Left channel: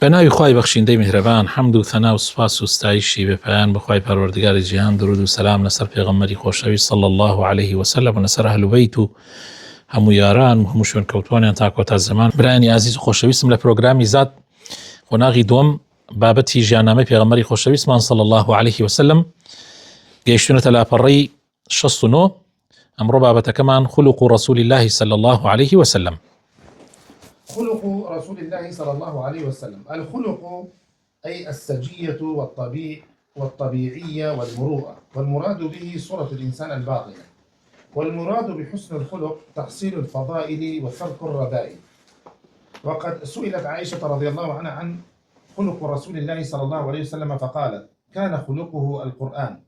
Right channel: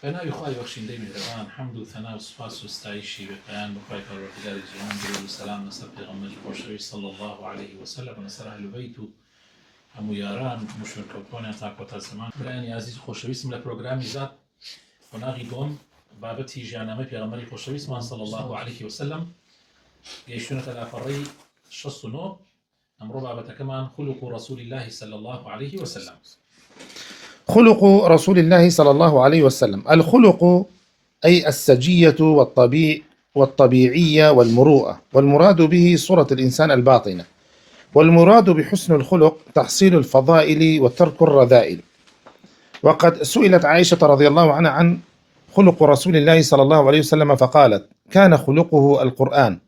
بناوی خوای بەخشندەی میهرەبان حەمد و ثەنا و سوپاس و ستایشی بەپایان بەخوای پەروەردگاری جیهان، درود و سەلام لەسەر پێغەمبەری خۆشەویست صلی الله عليه وسلم و لەسەر ئەهل بەیت و هەموو یاران و هەموو شوێن کەوتوانیان تا کۆتا زەمان. برایانی عزیز و خۆشەویستم، لە پرۆگرامی زاد قۆناغی دووەم بابەتی ژیاننامەی پێغەمبەری خۆشەویستمان صلی الله عليه وسلم گەیشتونەتە لاپەڕەی 69. ئەمڕۆ بابەتەکەمان خلق رسول الله صلى الله عليه وسلم. خلق رسول الله صلى الله عليه وسلم. الخلق أي السجية والطبيعية والمروءة، والمراد به صورة الإنسان الباطنة، والمراد بحسن الخلق تحصيل الفضائل وترك الرذائل. وقد سئلت عائشة رضي الله عنها عن خلق رسول الله صلى الله عليه وسلم فقالت: كان خلقه القرآن.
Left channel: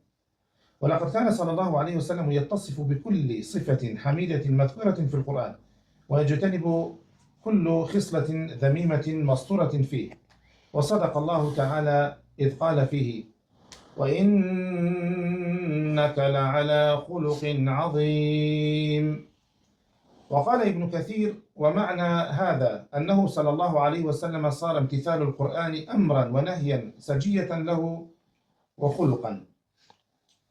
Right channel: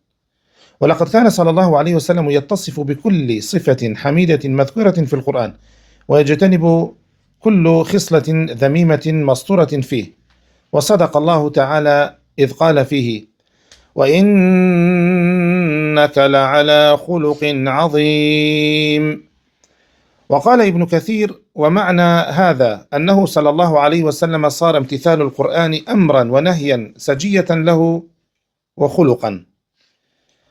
ولقد كان صلى الله عليه وسلم يتصف بكل صفة حميدة مذكورة في القرآن، ويجتنب كل خصلة ذميمة مسطورة فيه. وصدق الله تعالى إذ قال فيه: وإنك لعلى خلق عظيم. وقال ابن كثير: ومعنى هذا أنه صلى الله عليه وسلم صار امتثال القرآن أمرا ونهيا سجية له وخلقا،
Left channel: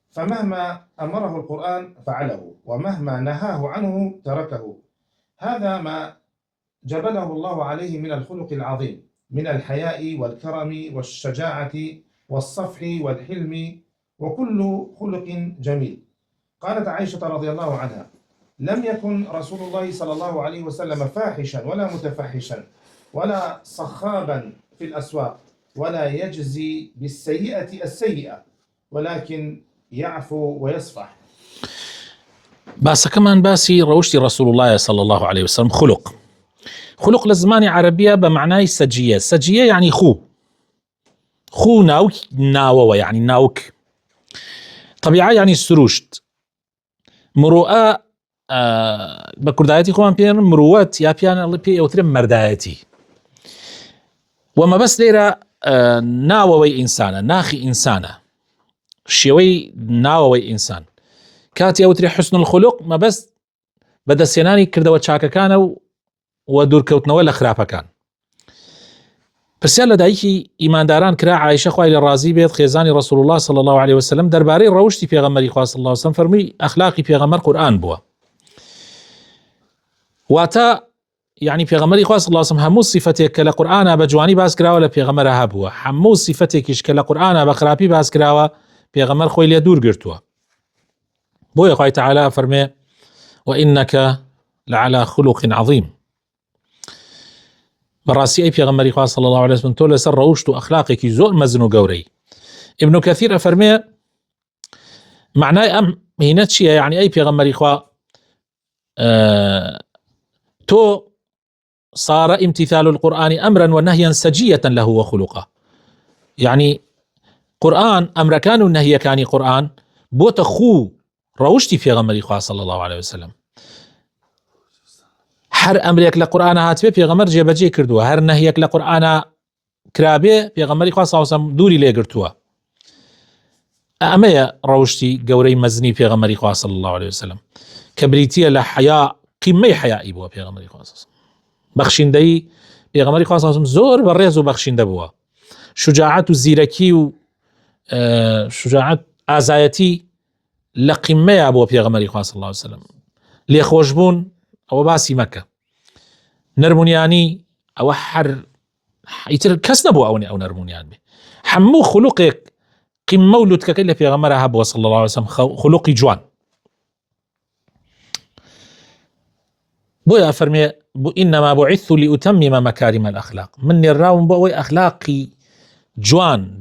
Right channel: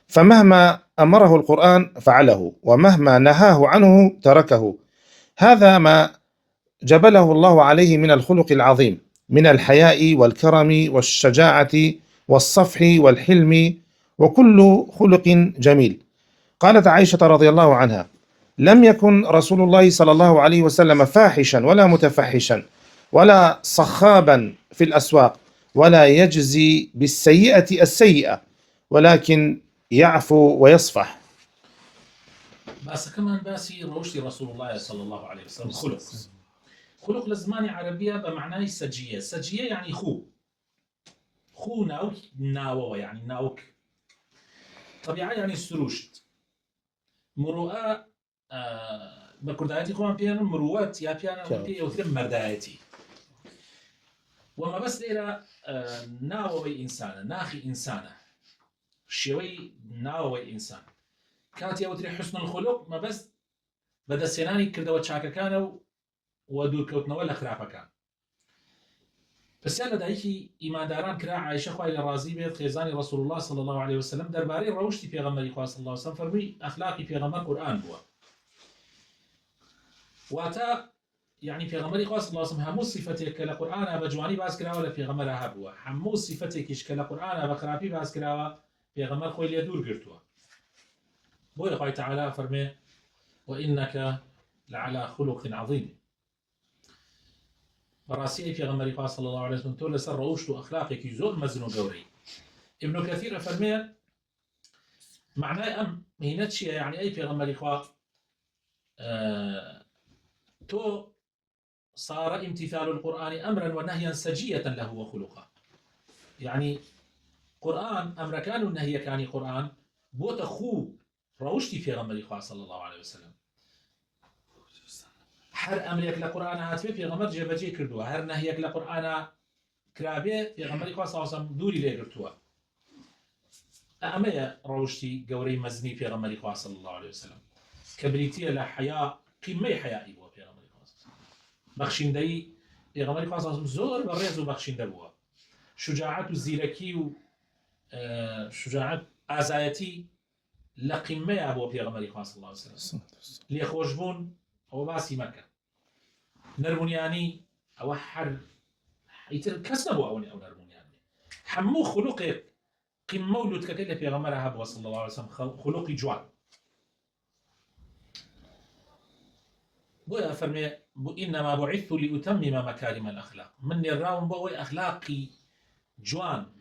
فمهما أمره القرآن فعله، ومهما نهاه عنه تركه. هذا ما جبله الله عليه من الخلق العظيم، من الحياء والكرم والشجاعة والصفح والحلم وكل خلق جميل. قالت عائشة رضي الله عنها: لم يكن رسول الله صلى الله عليه وسلم فاحشا ولا متفحشا ولا صخابا في الأسواق، ولا يجزي بالسيئة السيئة، ولكن يعفو ويصفح. باسە كمان باسي روشتي رسول الله صلى الله عليه وسلم. خلق لزمانی عربية بمعنای سجية. سجية يعني خو ناوك ناوة، يعني ناوك. طبيعة يعني سروشت. مروءة بكردايتي خوان بيان مروات يا بيان الله بي أوترم مردايتي. وما بس ليرة ناوة إنسانة، ناخي إنسانة، شيوي ناوة إنسان كاتي أوتري حسن الخلق، ما بس بدا سيناني كردوا تشاكا كانوا ودور كوتنەوە لە خراپەکان. پرسیار لە دایکی ئیمانداران کرا عایشە خوای لە ڕازی بێت، خێزانی رسول الله صلى الله عليه وسلم، دەربارەی ڕەوشتی پێغەمبەری خوا صلی الله عليه وسلم فەرمووی ئەخلاقی پێغەمبەر قورئان بووە. واتە یعنی پێغەمبەری خوا صلی الله عليه وسلم هەموو صفەتێک کە لە قورئانە بە جوانی باس کراوە لە پێغەمبەرە هەبووە، هەموو صفەتێکیش کە لە قورئانە بە خراپی باس کراوە پێغەمبەر خۆی لێ دوور گرتووە. بۆیە خوای تعالی فەرمێ: وإنك لعلى خلق عظيم. بەڕاستی ئەی پێغەمبەری خوا صلی الله عليه وسلم تۆ لەسەر ڕەوشت و ئەخلاقێکی زۆر مەزن و گەورەی. ابن كثير ئەفەرمێ معنای ئەم هینە چییە؟ یعنی ئەی پێغەمبەری خوا تۆ صار امتثال القرآن أمرا ونهيا سجية له وخلقه. يعني قرآن أمركان والنهي كان قرآن بوت خو ڕەوشتی پێغەمبەری خوا صلی الله عليه وسلم. هەر ئەمرێک لە قورئانە هاتبێ پێغەمبەر جێبەجێ کردووە، هەر نەهیەک لە قورئانە کرابێ پێغەمبەری خوا صلی الله عليه وسلم دووری لێگرتووە. ئەمەیە ڕەوشتی گەورەی مەزنی پێغەمبەری خوا صلی الله عليه وسلم کە بریتیە لە حیا، قیمەی حیایی بووە پێغەمبەری خوا صلی الله عليه وسلم. بەخشندەی پێغەمبەری خوا صلی الله عليه وسلم زۆر بەڕێز و بەخشندە بووە. شجاعەت و زیرەکی و شجاعەت ئازایەتی لە قیمەیە بۆ پێغەمبەری خوا صلی الله عليه وسلم. لێخۆشبوون ئەوە باسی مەکە، نەرمونیانی ئەوە هەر ئیتر کەس نەبوو ئەو نەرمونیان بێ. هەموو خولوقێک قیمە و لوتکەکەی لە پێغەمبەرە هەبووە صلی الله عليه وسلم، خولوقی جوان. بۆیە فەرمێ: إنما بعثت لأتمم مكارم الأخلاق. من نێراوم بۆ ئەوەی ئەخلاقی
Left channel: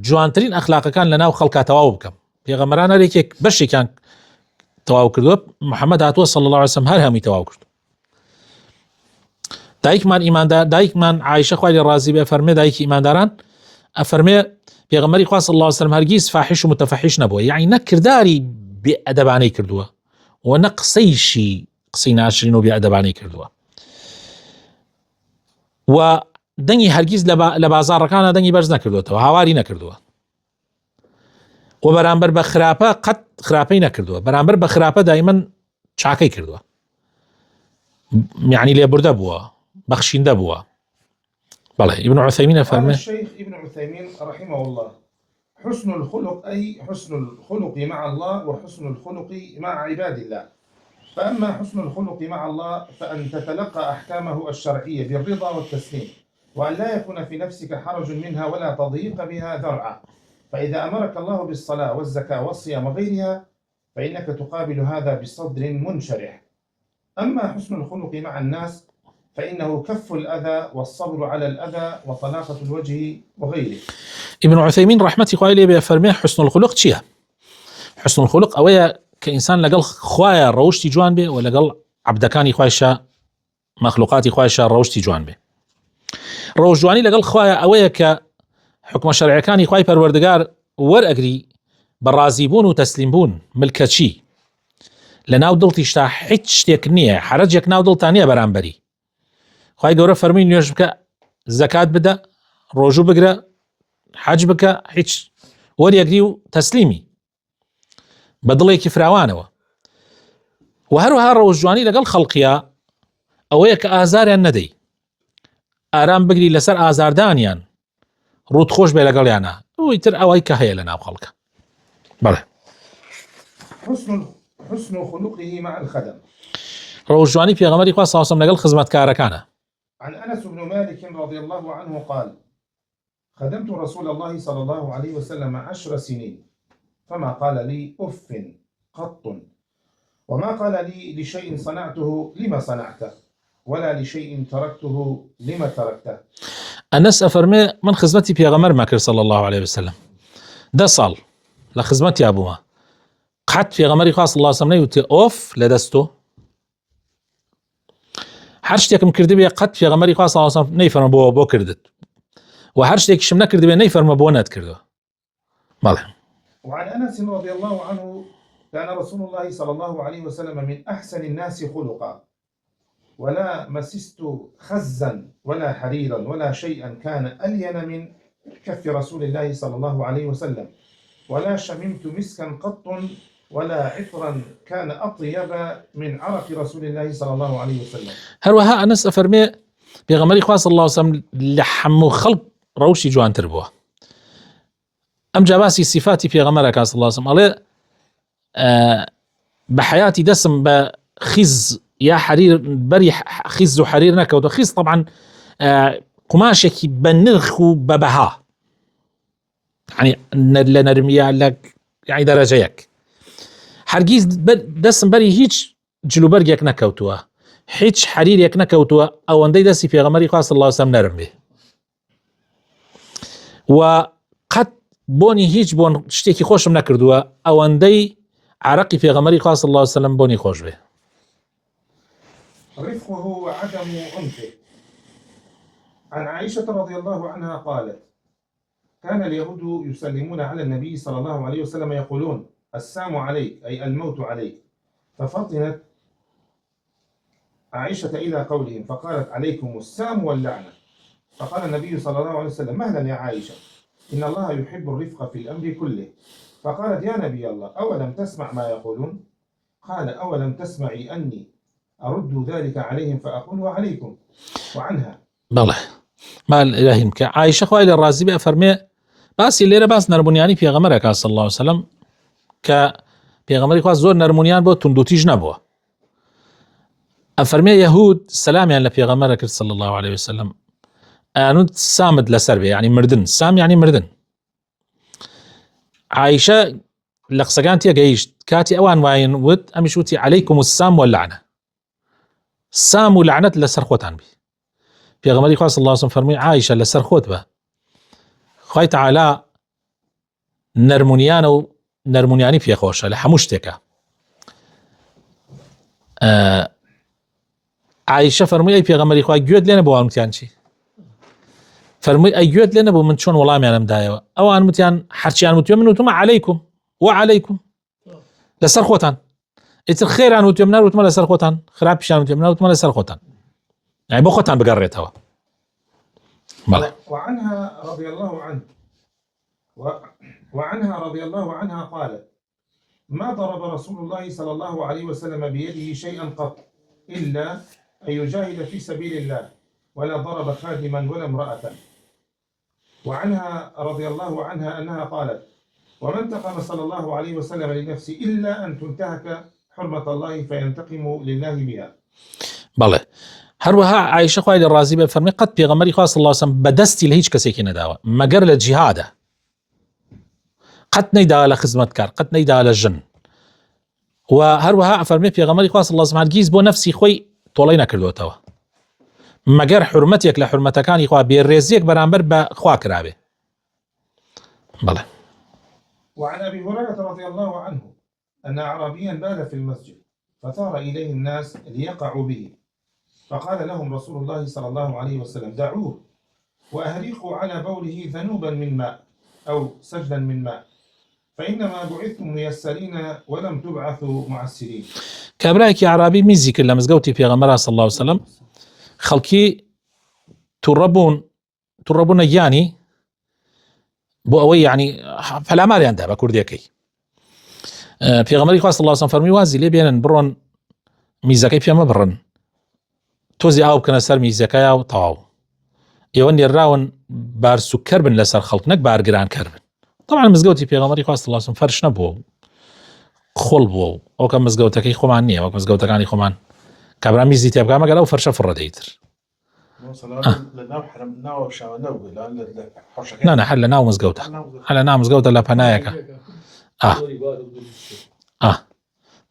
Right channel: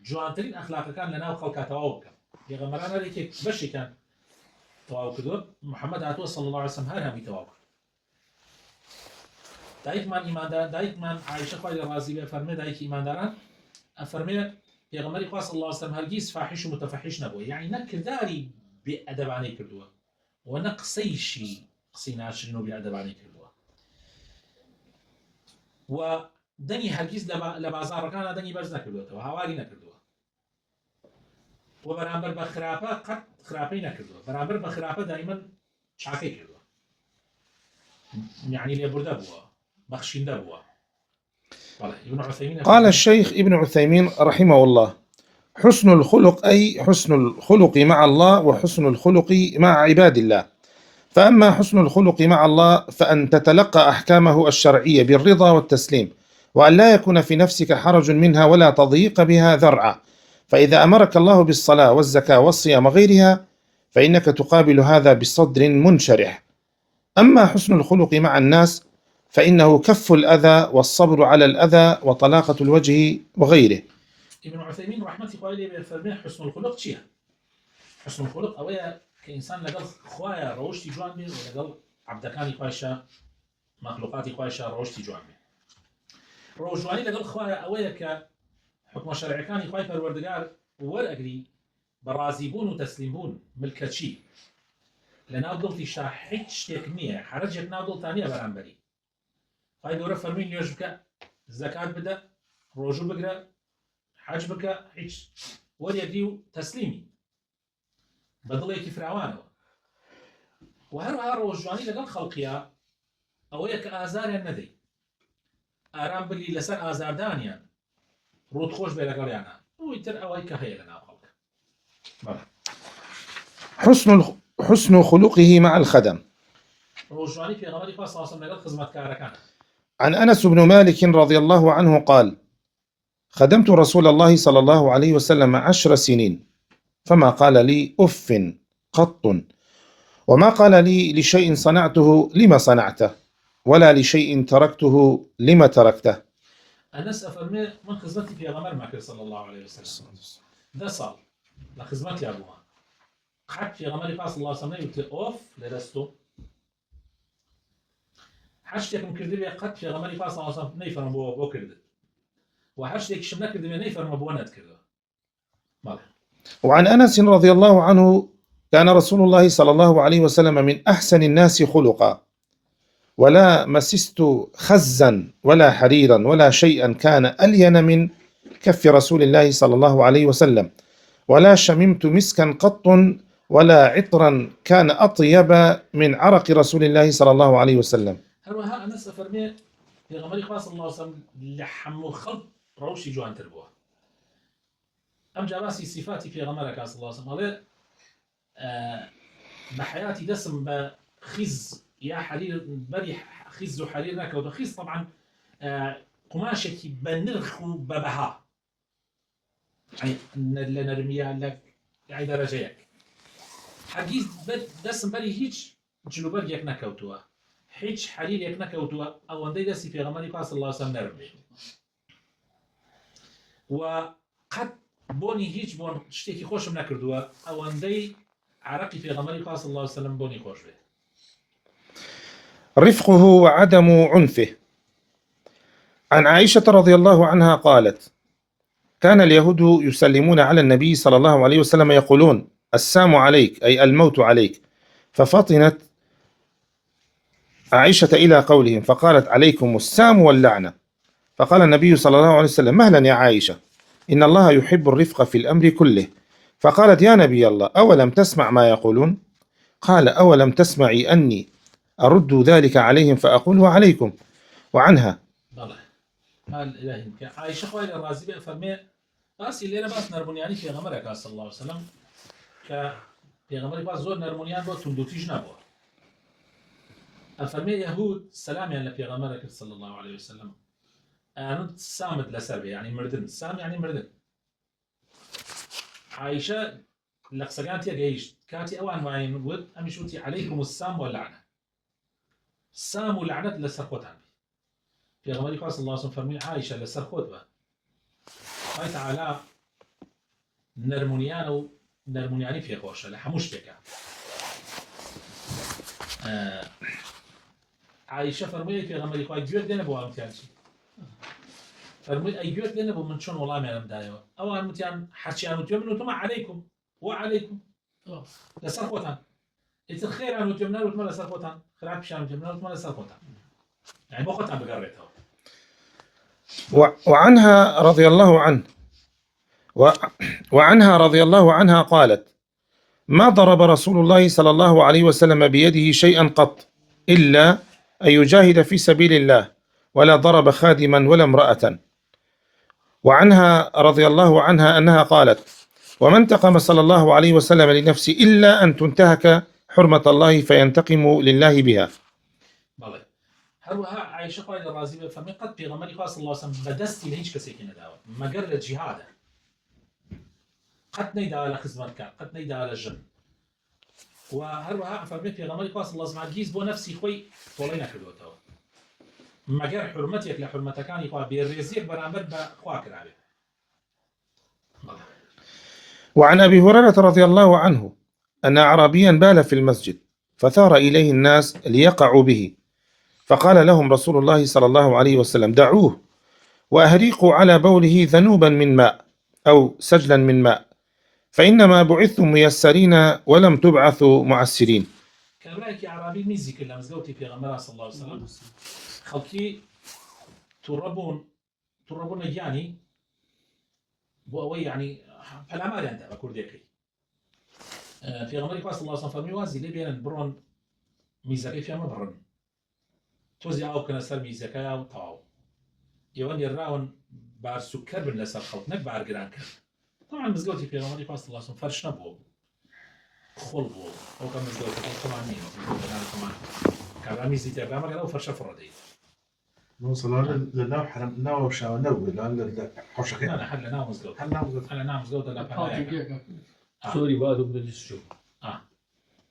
جوانترین ئەخلاقەکان لەناو خەڵکا تەواو بکەم. پێغەمبەران هەرێکێک بەشێکیان تەواو کردووە، محەممەد هاتووە صلی الله عليه وسلم هەر هەمی تەواو کرد. دایکمان ئیماندار، دایکمان عایشە خوای لێ ڕازی بێ فەرمێ، دایکی ئیمانداران ئەفەرمێ پێغەمبەری خوا صلی الله عليه وسلم هەرگیز فاحش و متفحش نەبووە، یعنی نە کرداری بێئەدەبانەی کردووە و نە قسەی ناشرین و بێئەدەبانەی کردووە. و دەنگی هەرگیز لە بازاڕەکانە دەنگی بەرز نەکردوێتەوە، هاواری نەکردووە. و بەرامبەر بە خراپە قەت خراپەی نەکردووە، بەرامبەر بە خراپە دایمەن چاکەی کردووە، یعنی لێبوردە بووە، بەخشیندە بووە. بله ابن عثيمين قال الشيخ ابن عثيمين رحمه الله: حسن الخلق أي حسن الخلق مع الله وحسن الخلق مع عباد الله. فأما حسن الخلق مع الله فأن تتلقى أحكامه الشرعية بالرضا والتسليم، وأن لا يكون في نفسك حرج منها ولا تضيق بها ذرعا. فإذا أمرك الله بالصلاة والزكاة والصيام وغيرها فإنك تقابل هذا بصدر منشرح. أما حسن الخلق مع الناس فإنه كف الأذى والصبر على الأذى وطلاقة الوجه وغيره. ابن عثيمين رحمة الله عليه بفرمي حسن الخلق چییە؟ حسن الخلق ئەوەیە کە ئینسان لەگەڵ خوایە ڕەوشتی جوان بێ و لەگەڵ عەبدەکانی خوایشە مەخلوقاتی خوایشە ڕەوشتی جوان بێ. ڕەوشجوانی لەگەڵ خوایە ئەوەیە کە حکمە شەرعیەکانی خوای پەروەردگار وەرئەگری بە ڕازیبوون و تەسلیمبوون ملکەچی لەناو دڵتیشتا هیچ شتێک نییە، حەرەجێک ناو دڵتا نییە بەرامبەری. خوای گەورە فەرمووی نوێژ بکە، زەکات بدە، ڕۆژوو بگرە، حەج بکە، هیچ وەریەگری و تەسلیمی بە دڵێکی فراوانەوە. و هەروەها ڕەوشجوانی لەگەڵ خەڵقیە ئەوەیە کە ئازاریان نەدەی، ئارام بگری لەسەر ئازاردانیان، ڕوت خۆش بێ لەگەڵیانە، ئەوەی تر ئەوەی کە هەیە لەناو خەڵکە. بەڵێ حسن خلقه مع الخدم. ڕەوشجوانی پێغەمبەری خوا صلی الله علیه و سلم لەگەڵ خزمەتکارەکانە. عن أنس بن مالك رضي الله عنه قال: خدمت رسول الله صلى الله عليه وسلم 10 سنين فما قال لي أف قط، وما قال لي لشيء صنعته لما صنعته ولا لشيء تركته لما تركته. أنس أفرمي من خزمتي بيغمر ماكر صلى الله عليه وسلم 10 ساڵ لە خزمەتی بوومە، قەت پێغەمبەری خوا صلی الله عليه وسلم نەیوتی ئۆف لەدەستۆ، هەر شتێکم کردبێ قەت پێغەمبەری خوا صلی الله عليه وسلم نەیفەرمە بۆ کردت، و هەر شتێکیشم نەکردبێ نەیفەرمە بۆ نەتکردەوە. بەڵێ. وعن أنس رضي الله عنه: كان رسول الله صلى الله عليه وسلم من أحسن الناس خلقا، ولا مسست خزا ولا حريرا ولا شيئا كان ألين من كف رسول الله صلى الله عليه وسلم، ولا شممت مسكا قط ولا عطرا كان أطيب من عرق رسول الله صلى الله عليه وسلم. هەروەها ئەنس ئەفەرمێ پێغەمبەری خوا صلی الله عليه وسلم لە هەموو خەڵق ڕەوشی جوانتر بووە. ئەم جا باسی صفاتی پێغەمبەرەکە صلی الله عليه وسلم ئەڵێ بە حەیاتی دەسم بە خیز یا حەریر بەری خیز و حەریر نەکەوتە. خیز طبعا قماشێکی بە نرخ و بە بەها، يعني لە نەرمیە لە يعني دەرەجەیەک، هەرگیز دەسم بەری هیچ جلوبەرگێک نەکەوتووە، هیچ حەریرێک نەکەوتووە ئەوەندەی دەستی پێغەمبەری خوا صلی الله عليه وسلم نەرم بێ، و قەت بۆنی هیچ بۆن شتێکی خۆشم نەکردووە ئەوەندەی عرەقی پێغەمبەری خوا صلی الله عليه وسلم بۆنی خۆش بێ. رفقه وعدم عنفه. عن عائشة رضي الله عنها قالت: كان اليهود يسلمون على النبي صلى الله عليه وسلم يقولون: السام عليك، أي الموت عليك. ففطنت عائشة إلى قولهم فقالت: عليكم السام واللعنة. فقال النبي صلى الله عليه وسلم: مهلا يا عائشة، إن الله يحب الرفق في الأمر كله. فقالت: يا نبي الله، أولم تسمع ما يقولون؟ قال: أولم تسمعي أني أرد ذلك عليهم فأقول وعليكم. وعنها بەڵێ مال إلهیم کە عایشە خوای لێ ڕازی بێ ئەفەرمێ باسی لێرە باس نەرمونیانی پێغەمبەرەکە صلی الله عليه وسلم کە پێغەمبەری خوا زۆر نەرمونیان بۆ توندوتیژ نەبووە. ئەفەرمێ یەهود سەلامیان لە پێغەمبەرە کرد صلی الله عليه وسلم، ئەنوت سامت لەسەر بێ، يعني مردن، سام يعني مردن. عایشە لە قسەکان تێگەیشت کاتی ئەوان وایەن وت ئەمیش وتی عليكم السام واللعنة، سام و لعنەت لەسەر خۆتان بی. پێغەمبەری خوا صلی الله عليه وسلم فەرمووی عایشە لەسەر خۆت بە، خوای تەعالا نەرمونیانە و نەرمونیانی پێخۆشە لە هەموو شتێکە. عایشە فەرمووی ئەی پێغەمبەری خوا گوێت لێ نەبوو وتیان چی؟ فەرمووی ئەی گوێت لێ نەبوو من چۆن وەڵامیانم دایەوە؟ ئەوان وتیان هەرچیان وتوێ من وتمە عەلەیکم وعەلەیکم، لەسەر خۆتان. ئیتر خێران وتوێ من نەوتمە لەسەر خۆتان، خراپیشان وتوێ من نەوتمە لەسەر خۆتان، يعني بۆ خۆتان بگەڕێتەوە. وعنها رضي الله عنها قالت: ما ضرب رسول الله صلى الله عليه وسلم بيده شيئا قط إلا أن يجاهد في سبيل الله، ولا ضرب خادما ولا امرأة. وعنها رضي الله عنها أنها قالت: وما انتقم صلى الله عليه وسلم لنفسه إلا أن تنتهك حرمة الله فينتقم لله بها. بله هروها عائشة خوای الرازي بفرمي قد پیغمبری خواه صلى الله عليه وسلم بدستی لهیچ کسی نداوه مگر لجهاده قد نيدا لخدمت کار قد نيدا لجن و هروها فرمي پیغمبری خواه صلى الله عليه وسلم هرگیز بو نفسی خوی طولي نکردوتەوە مگر حرمتك لحرمتكاني خواه بيرزيك برانبر بخوا كرابه. بله. وعن أبي هريرة رضي الله عنه أن أعرابيا بال في المسجد فثار إليه الناس ليقعوا به، فقال لهم رسول الله صلى الله عليه وسلم: دعوه وأهريقوا على بوله ذنوبا من ماء أو سجلا من ماء، فإنما بعثتم ميسرين ولم تبعثوا معسرين. كابرايك يا عربي ميزي كلا مزقوتي في غمرة صلى الله عليه وسلم خلقي تربون يعني بو أوي يعني فلا ماري عندها بكرديكي في غمرة صلى الله عليه وسلم فرمي وازي لي بينا برون ميزاكي فيما برن توزي أو كنا سر ميزاكي أو طاو يواني الراون بار سكر بن لسر خلق نك بار قران كربن. طبعا مزقوتي في غمرة صلى الله عليه وسلم فرش نبوه خل بوو ئەو کەم مزگەوتەکەی خۆمان نییە وەک مزگەوتەکانی خۆمان کابرا میزی تێ بکە مەگەر ئەو فەرشە فڕەدەیتر نانە هەر لە ناو مزگەوتە هەر لە ناو مزگەوتە لە پەنایەکە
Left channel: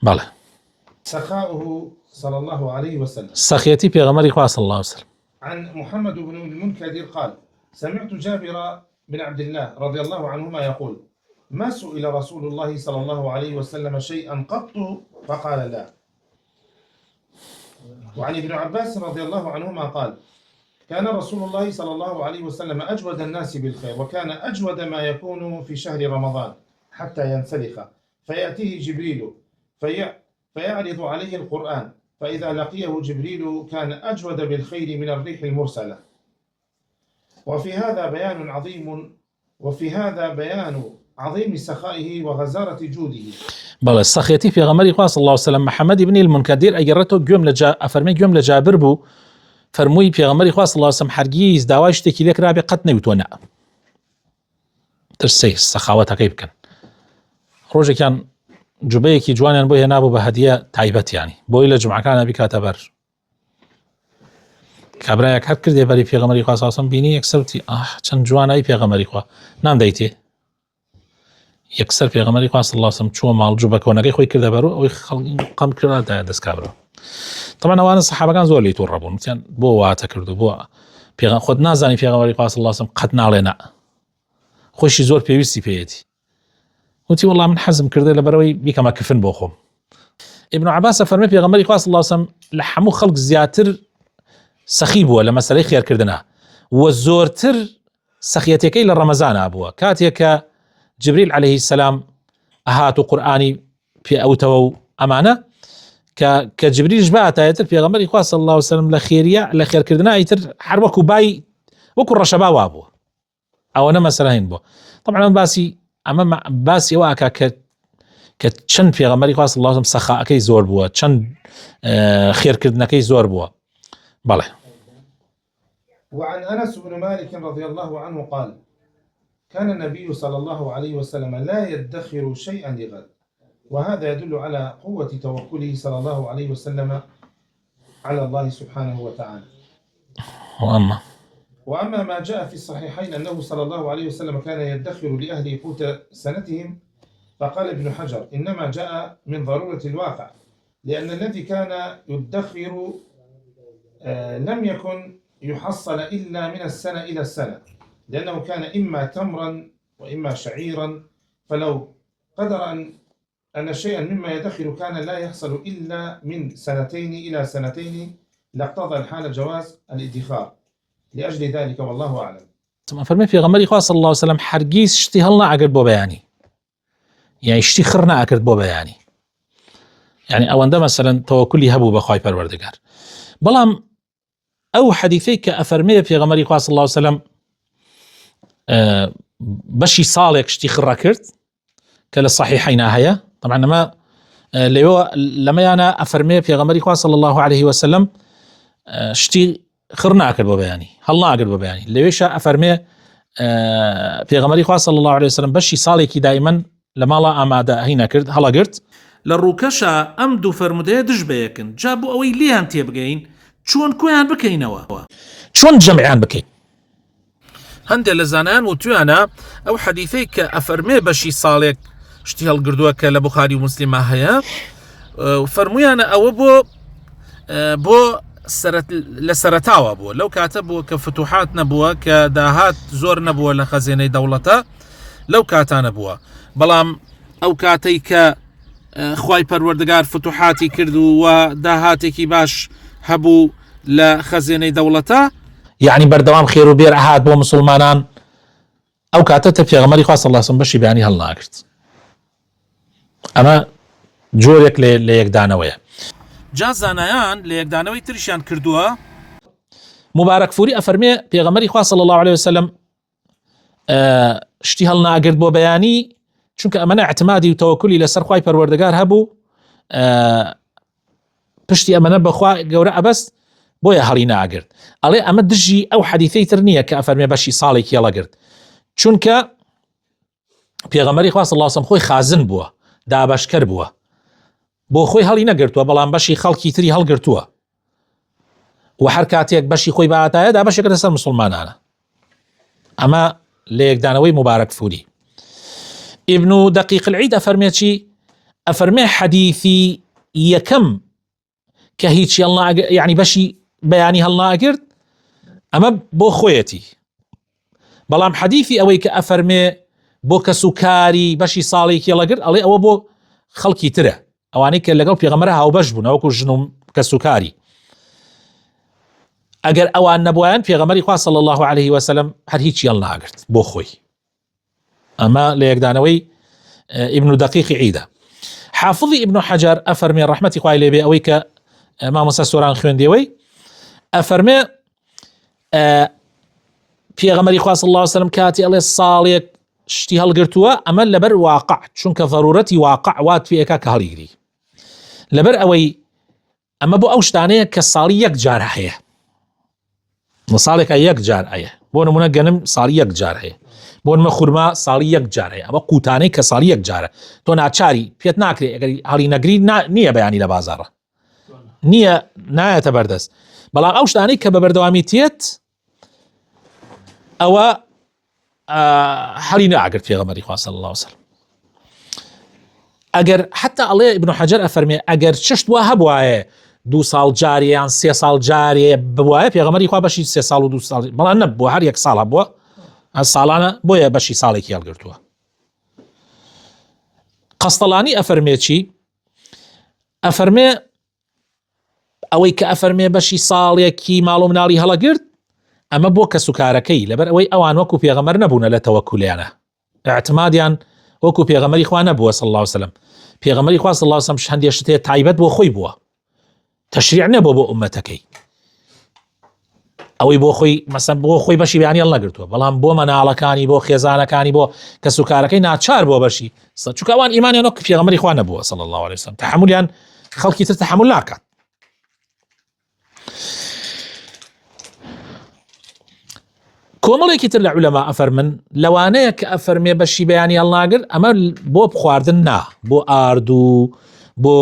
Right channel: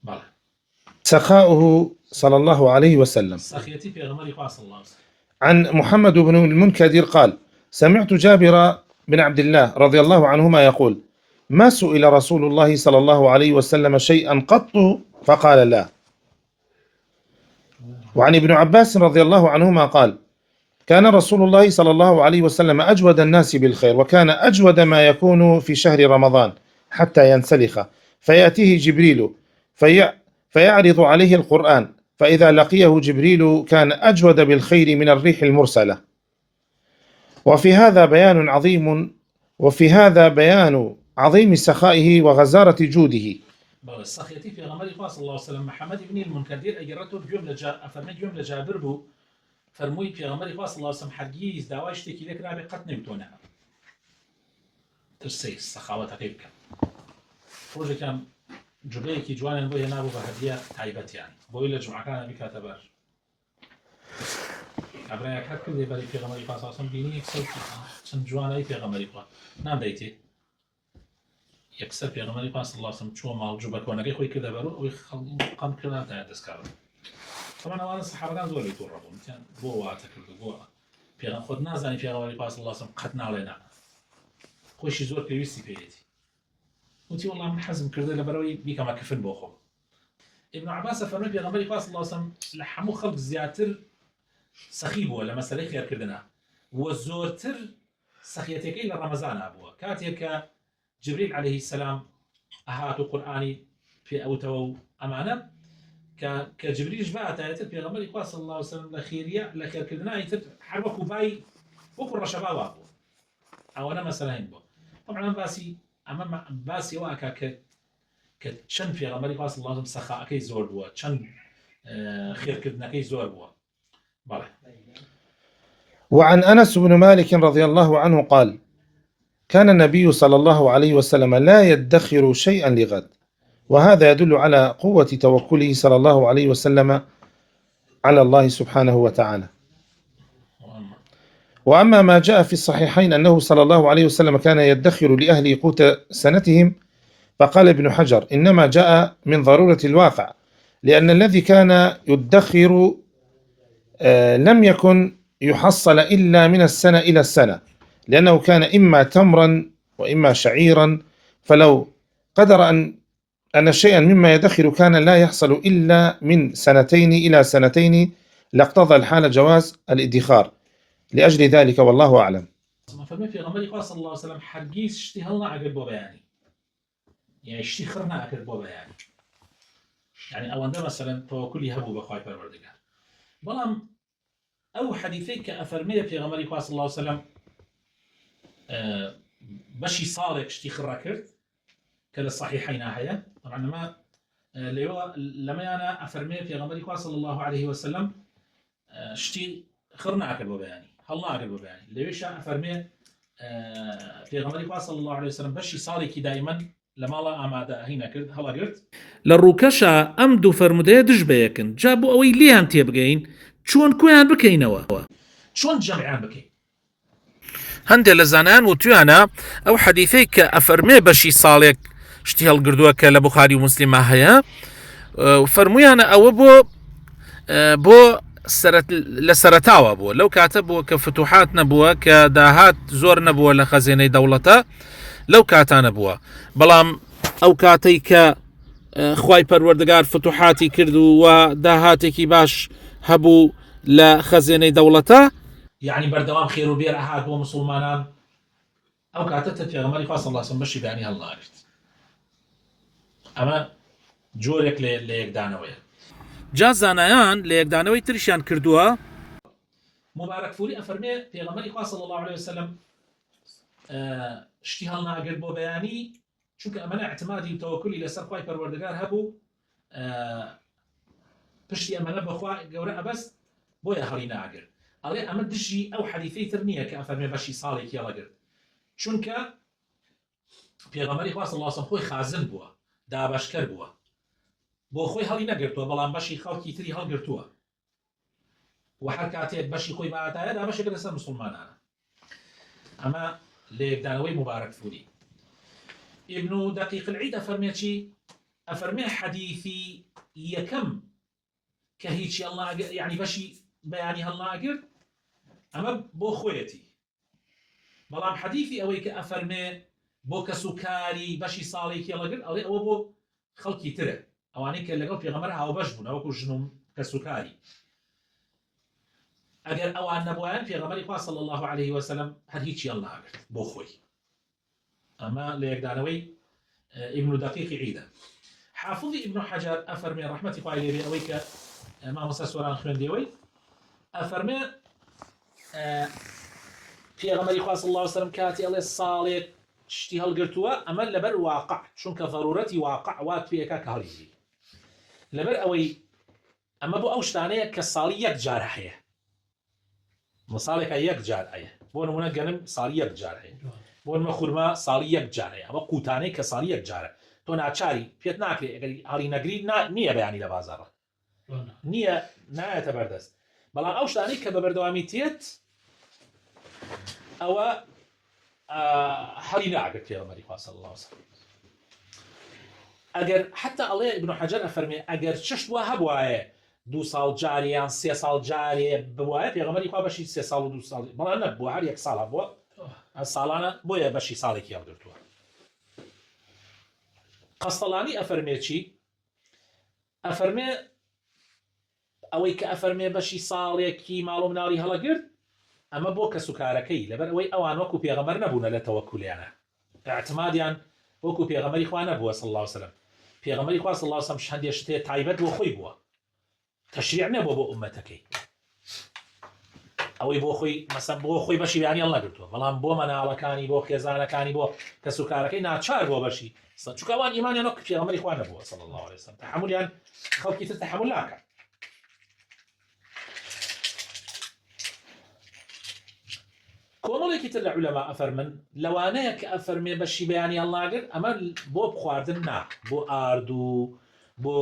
بەڵێ سخاؤه صلى الله عليه وسلم. سەخیەتی پێغەمبەری خوا صلى الله عليه وسلم. عن محمد بن المنكدر قال: سمعت جابر بن عبد الله رضي الله عنهما يقول: ما سئل رسول الله صلى الله عليه وسلم شيئا قط فقال لا. وعن ابن عباس رضي الله عنهما قال: كان رسول الله صلى الله عليه وسلم أجود الناس بالخير، وكان أجود ما يكون في شهر رمضان حتى ينسلخ، فيأتيه جبريل فيعرض عليه القرآن، فإذا لقيه جبريل كان أجود بالخير من الريح المرسلة. وفي هذا بيان عظيم سخائه وغزارة جوده. بله السخيتي في غمري صلى الله عليه وسلم محمد بن المنكدر أجرته أفرمي جملة جابر بو فرموي في غمري صلى الله عليه وسلم حرقيز داواش تكيلك رابي قد نيوتونا ترسي السخاوة كيف كان روجي كان جبيكي جوانيا بو هنابو بهدية تعيبت يعني بو إلى جمعة كان أبي كاتبر كابرايك هر كردي بري في غمري صلى الله عليه وسلم بيني يكسوتي چند جوان أي في غمري نام دايتي يكسر في غمري صلى الله عليه وسلم شو مال جوبك ونقي خوي كذا برو أو قام كذا دس كابرا. طبعا وانا الصحابة كان زول يتوربون مثلا بو واتكردو بو في خد نازاني في غمري صلى الله عليه وسلم قد نالنا خوشي زور بيوسي بيتي وتي والله من حزم كردي لبروي بيك ما كفن بوخم. ابن عباس فرمي في غمري صلى الله عليه وسلم لحمو خلق زياتر سخيب ولا مسألة خير كردنا وزورتر سخيتك إلى رمضان أبوه كاتيك جبريل عليه السلام أهاتو قرآني في أوتو أمانة كجبريل جبات آياتر في غمري خواه صلى الله عليه وسلم لخير كردنا آياتر حروكو باي وكو الرشبا وابوه أو أنا مسألة هين بو. طبعا أما باسي واكا كتشن في غمري خواه صلى الله عليه وسلم سخاء كي زور بوه تشن خير كردنا كي زور بوه. بله. وعن أنس بن مالك رضي الله عنه قال: كان النبي صلى الله عليه وسلم لا يدخر شيئا لغد، وهذا يدل على قوة توكله صلى الله عليه وسلم على الله سبحانه وتعالى. وأما ما جاء في الصحيحين أنه صلى الله عليه وسلم كان يدخر لأهل قوت سنتهم، فقال ابن حجر: إنما جاء من ضرورة الواقع، لأن الذي كان يدخر لم يكن يحصل إلا من السنة إلى السنة، لأنه كان إما تمرا وإما شعيرا، فلو قدر أن شيئا مما يدخر كان لا يحصل إلا من سنتين إلى سنتين لاقتضى الحال جواز الادخار. لأجل ذلك والله أعلم. فرمي في غمري خواه صلى الله عليه وسلم حرقيس اشتهلنا عقد بو بياني يعني اشتخرنا عقد بو بياني يعني أو عندما مثلا توكلي هبو بخواي پروردگار بلام أو حديثي كأفرمي في غمري خواه صلى الله عليه وسلم بشي صالك اشتخرا كرت كلا الصحيحين هيا. طبعا لما أنا أفرمي في غمري خواه صلى الله عليه وسلم اشتي خڕناکرد بۆ بەیانی هەڵ ناگرت بۆ بەیانی لەوێشە ئەفەرمێ پێغەمبەری خوا صلی الله عليه وسلم بەشی ساڵێکی دایمەن لە ماڵە ئامادەهی نەکرد هەڵەگرت لە ڕووکەشە ئەم دوو فەرمودەیە دژ بەیەکن جا بۆ ئەوەی لیان تێبگەین چۆن کۆیان بکەینەوە چۆن جەمعیان بکەین هەندێک لە زانایان وتویانە ئەو حەدیثەی کە ئەفەرمێ بەشی ساڵێک شتی هەڵگردووە کە لە بوخاری و موسلیمە هەیە فەرمویانە ئەوە بۆ لە سەرەتاوە بووە لەو کاتە بووە کە فتوحات نەبووە کە داهات زۆر نەبووە لە خەزێنەی دەوڵەتە لەو کاتانە بووە بەڵام ئەو کاتەی کە خوای پەروەردگار فتوحاتی کرد و داهاتێکی باش هەبوو لە خەزێنەی دەوڵەتە یعنی بەردەوام خێر و بێر ئەهات بۆ مسلمانان ئەو کاتە پێغەمبەری خوا صلی الله علیه وسلم بەشی بەیانی هەڵناگرت ئەمە جۆرێک لە یەکدانەوەیە جا زانایان لە یەکدانەوەی تریشیان کردووە مبارەک فوری ئەفەرمێ پێغەمبەری خوا صلی الله عليه وسلم شتی هەڵناگرت بۆ بەیانی چونکە ئەمەنە اعتمادی و تەوەکولی لەسەر خوای پەروەردگار هەبوو پشتی ئەمەنە بەخوا گەورە ئەبەست بۆیە هەڵی ناگرت ئەڵێ ئەمە دژی ئەو حەدیثەی تر نییە کە ئەفەرمێ بەشی ساڵێکی هەڵەگرت چونکە پێغەمبەری خوا صلی الله علیه وسلم خۆی خازن بووە دابەشکەر بووە بۆ خۆی هەڵی نەگرتووە بەڵام بەشی خەڵکی تری هەڵگرتووە و هەر کاتێک بەشی خۆی بەهاتایە دابەشێک لەسەر مسلمانانە ئەمە لە یەکدانەوەی مبارەک فوری ابن دقيق العيد ئەفەرمێ چی ئەفەرمێ حەدیثی یەکەم کە هیچی یعنی بەشی بەیانی هەڵناگرت ئەمە بۆ خۆیەتی بەڵام حەدیثی ئەوەی کە ئەفەرمێ بۆ کەس و کاری بەشی ساڵێکی هەڵەگرت ئەڵێ ئەوە بۆ خەڵکی ترە ئەوانەی کە لەگەڵ پێغەمبەر هاوبەش بوون ئەوەکو ژن و کەس و کاری ئەگەر ئەوان نەبووایان پێغەمبەری خوا صلی الله عليه وسلم هەر هیچی هەڵناگرت بۆ خۆی ئەمە لە یەکدانەوەی ابن دقيق عيدە حافظی ابن حەجەر ئەفەرمێ ڕەحمەتی خوای لێبێ ئەوەی کە مامۆستا سۆران خوێندیەوەی ئەفەرمێ پێغەمبەری خوا صلی الله عليه وسلم کاتی ئەڵێ ساڵێک شتی هەڵگرتووە ئەمە لەبەر واقع چونکە ضرورەتی واقع وات پێەکە کە هەڵیگری لەبەر ئەوەی ئەمە بۆ ئەو شتانەیە کە ساڵی یەک جار هەیە ساڵێکە یەک جار هەیە بۆ نمونە گەنم ساڵی یەک جار هەیە بۆ نمە خورما ساڵی یەک جار هەیە ئەمە قوتانەی کە ساڵی یەک جارە تۆ ناچاری پێت ناکرێت ئەگەر هەڵی نەگری نییە بەیانی لە بازاڕە نییە نایەتە بەردەست بەڵام ئەو شتانەی کە بە بەردەوامی تێت ئەوە هەڵی ناگرت پێغەمبەری خوا صلی الله عليه وسلم ئەگەر حتا ئەڵێ ابن حەجەر ئەفەرمێ ئەگەر چشت وا هەبوایە 2 ساڵ جارێ یان 3 ساڵ جارێ بوایە پێغەمبەری خوا بەشی 3 ساڵ و 2 ساڵ بەڵام نەبووە هەر 1 ساڵە بووە ساڵانە بۆیە بەشی ساڵێکی هەڵگرتووە قەستەڵانی ئەفەرمێ چی ئەفەرمێ ئەوەی کە ئەفەرمێ بەشی ساڵێکی ماڵ و مناڵی هەڵەگرت ئەمە بۆ کەسوکارەکەی لەبەر ئەوەی ئەوان وەکو پێغەمبەر نەبوونە لە تەوەکولیانە اعتمادیان وەکو پێغەمبەری خوا نەبووە صلی الله عليه وسلم پێغەمبەری خوا صلی الله عليه وسلم هەندێک شتێ تایبەت بۆ خۆی بووە تەشریع نەبووە بۆ ئومەتەکەی ئەوەی بۆ خۆی مەسەن بۆ خۆی بەشی بەیانی هەڵنەگرتووە بەڵام بۆ مەناڵەکانی بۆ خێزانەکانی بۆ کەسوکارەکەی ناچار بۆ بەشی چونکە ئەوان ئیمانیان وەک پێغەمبەری خوا نەبووە صلی الله عليه وسلم تحملیان خەڵکی تر تحمل ناکات کۆمەڵێکی تر لە عولەما ئەفەرمن لەوانەیە کە ئەفەرمێ بەشی بەیانی هەڵناگرت ئەمە بۆ بخواردن نا بۆ ئاردوو بۆ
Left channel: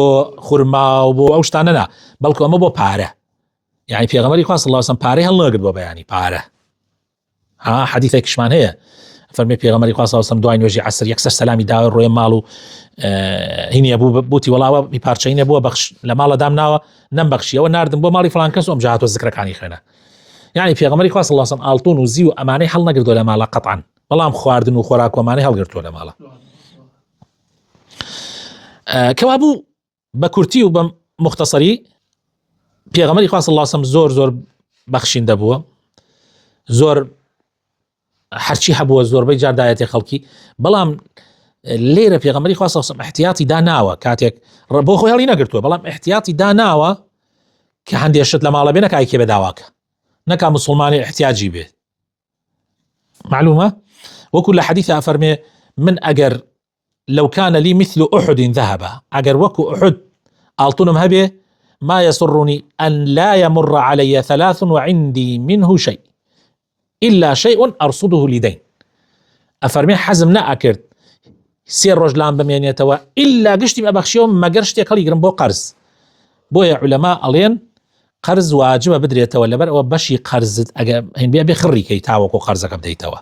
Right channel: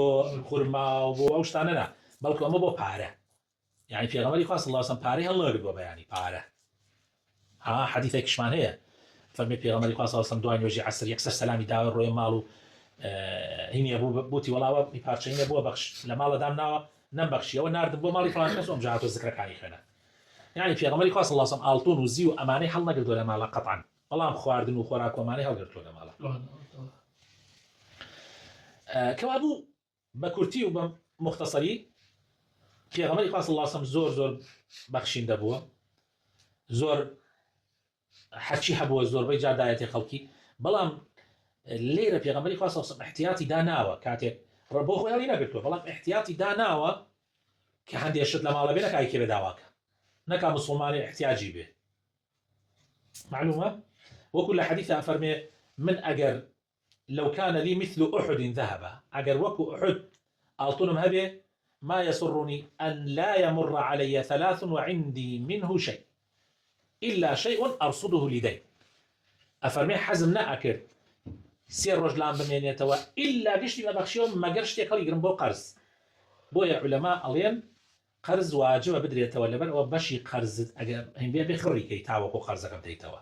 خورما و بۆ ئەو شتانە نا بەڵکو ئەمە بۆ پارە یعنی پێغەمبەری خوا صلی الله عليه وسلم پارەی هەڵناگرت بۆ بەیانی پارە حەدیثێکیشمان هەیە فەرمێ پێغەمبەری خوا صلی الله عليه وسلم دوای نوێژی عەسر یەکسەر سەلامی داوە ڕۆیە ماڵ و هینیە بوو بوتی وەڵاوە پارچەی نەبووە بەخش لە ماڵە دامناوە نەمبەخشیەوە ناردم بۆ ماڵی فڵان کەس و ئەم جاهاتۆ زیکرەکانی خوێنە يعني پێغەمبەری خوا صلی الله عليه وسلم ئاڵتون و زی و ئەمانەی هەڵنەگرتووە لە ماڵە قەتعاً بەڵام خواردن و خۆراک و ئەمانەی هەڵگرتووە لە ماڵە کەوا بوو بە کورتی و بە مختصری پێغەمبەری خوا صلی الله عليه وسلم زۆر بەخشیندە بووە زۆر هەرچی هەبووە زۆربەی جار دایەتی خەڵکی بەڵام لێرە پێغەمبەری خوا صلی الله عليه وسلم احتیاطی داناوە کاتێک بۆ خۆی هەڵی نەگرتووە بەڵام احتیاطی داناوە کە هەندێک شت لە ماڵە بێ نەکای کێ بێداواکە نەکا مسلمانی احتیاجی بێت معلومة وكل حديث أفرمي من أجر لو كان لي مثل أحد ذهب أجر وكو أحد ألطنم هبه ما يسرني أن لا يمر علي 3 وعندي منه شيء إلا شيء أرصده لدين. أفرمي حزم نأكرد سير رجلان بمينيتوا إلا قشتي بأبخشيهم ما قرشتي قال يقرم بو قرز. بويا علماء ألين قرز واجب بدريتوا لبر وبشي قرز هين بيا بخري كي تاوكو قرزك بديتوا.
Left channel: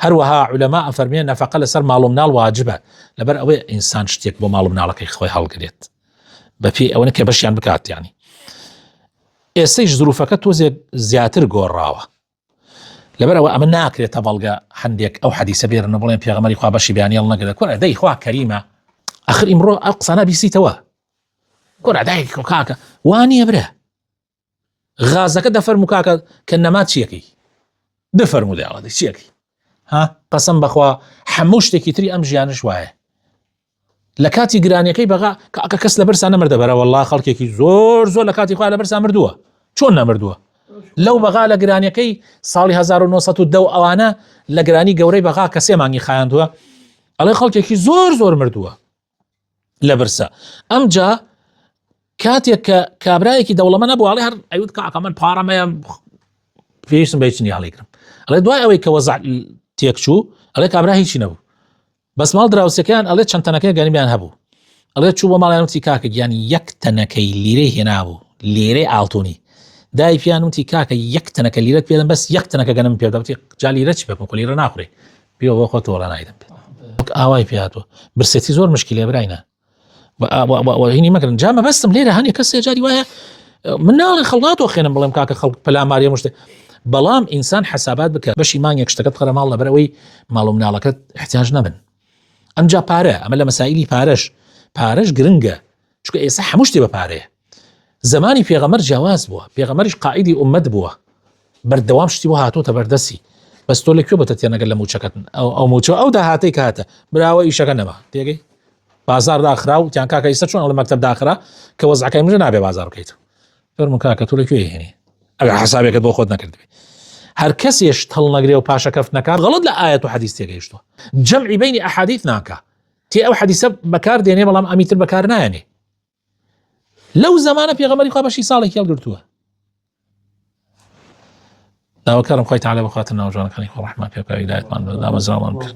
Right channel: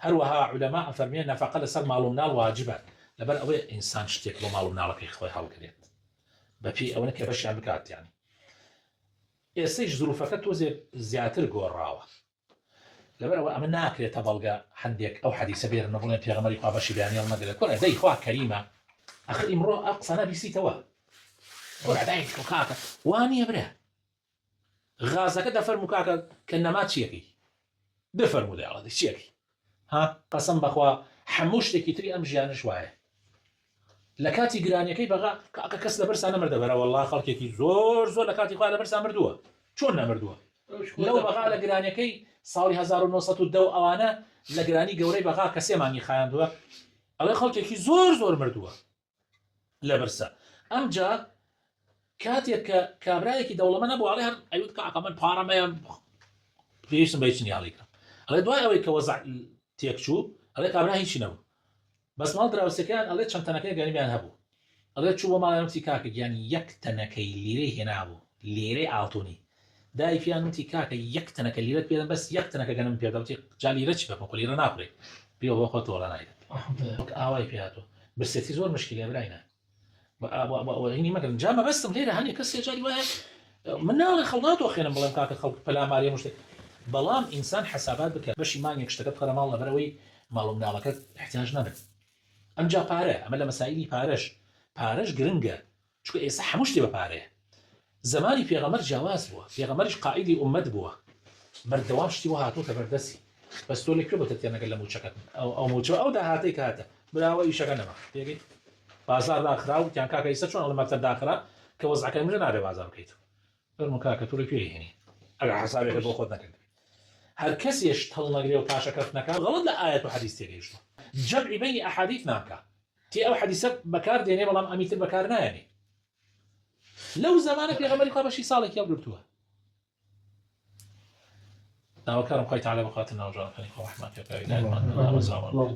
هروها علماء فرميان نفقه لسر مالومنال واجبه لبر اوي انسان شتيك بو مالومنال كي خوي حال قريت بفي او نك باش يعني بكات يعني اسيج ظروفك تو زياتر غوراوا لبر او امنا اكري تبلغا حنديك او حديث بير نبولين في غمري خو باش بيان يلا كذا كل داي خو كريمه اخر امرو اقصنا بيسي توا كل داي كاكا واني يبره غازك دفر مكاكا كنما تشيكي دفر موديال هذا تشيكي ها قسم بخوا حموشتێکی تری ئەم ژیانش وایە لە کاتی گرانیەکەی بەغا کە کەس لە بەرسان نەمردە بەرە والله خەڵکێکی زۆر لە کاتی خوا لە بەرسان مردووە چۆن نەمردووە لەو بەغا لە گرانیەکەی ساڵی 1910 ئەوانە لە گرانی گەورەی بەغا کە 3 مانگی خایاندووە ئەڵێ خەڵکێکی زۆر مردووە لە بەرسە ئەمجا کاتێک کە کابرایەکی دەوڵەمە نەبوو ئەڵێ هەر ئەوت کاکە من پارەمەیە پێویستم بەیچنی هەڵیگرم ئەڵێ دوای ئەوەی کە وەزع تێکچوو ئەڵێ کابرا هیچی نەبوو بەس ماڵ دراوسەکەیان ئەڵێ چەند تەنەکەی گەنیمیان هەبوو ئەڵێ چوو بۆ ماڵیان وتی کاکە گیانی 1 تەنەکەی لیرەی هێنابوو لێرەی ئاڵتونی دای پیان وتی کاکە 1 تەنەکە لیرەت پێدەم بەس 1 تەنەکە گەنم پێدا وتی جا لیرە چی بکەم کە لیرە ناخورێ پێوە بۆ خۆت وەڵا نایدەم پێ ئاوای پێهاتوە برسێتی زۆر مشکلێ براینە هینی مەکردن جا مەبەستم لێرە هەنێ کەسێ جاری وایە من ناڵێ خەڵاتۆ خێنم بڵێم کاکە خەڵک پەلاماریە مشتێ بەڵام ئینسان حسابات بکە بەشی مانگێک شتەکەت قەرە ماڵ لەبەرەوەی ماڵ و مناڵەکەت احتیاج نەبن ئەمجا پارە ئەمە لە مەسائیلی پارەش گرنگە چونکە ئێستا هەموو شتێ بە پارەیە زمانی پێغەمبەر جیاواز بووە پێغەمبەریش قائیدی ئومەت بووە بەردەوام شتی بۆ هاتووەتە بەردەسی بەس تۆ لەکوێ بۆتە تێنەگەل لە موچەکەت ئەو موچە ئەو داهاتەی کە هاتە براوە ئیشەکە نەما تێگەی بازار داخرا و تیان کاکە ئێستا چۆن لە مەکتەب داخرا کە وەزعەکەی مژە نابێ بازار بکەیتەوە فەرموو کاکە تۆ لەکوێ هێنی ئەگەر حسابێکت بۆ خۆت نەکردبێ هەر کەسێش هەڵ نەگرێ و پاشە کەف نەکات غەڵەت لە ئایەت و حەدیث تێگەیشتووە جەمعی بینی ئەحادیث ناکا تێ ئەو حەدیثە بەکار دێنێ بەڵام ئەمیتر بەکار نایەنێ لەو زەمانە پێغەمبەری خوا بەشی ساڵێکی هەڵگرتووە داواکارم خوای تەعالی بخواتە ناو جوانەکانی خۆ ڕەحمەت پێ بکە هیدایەتمان بدا ئامەزراوەمان بکە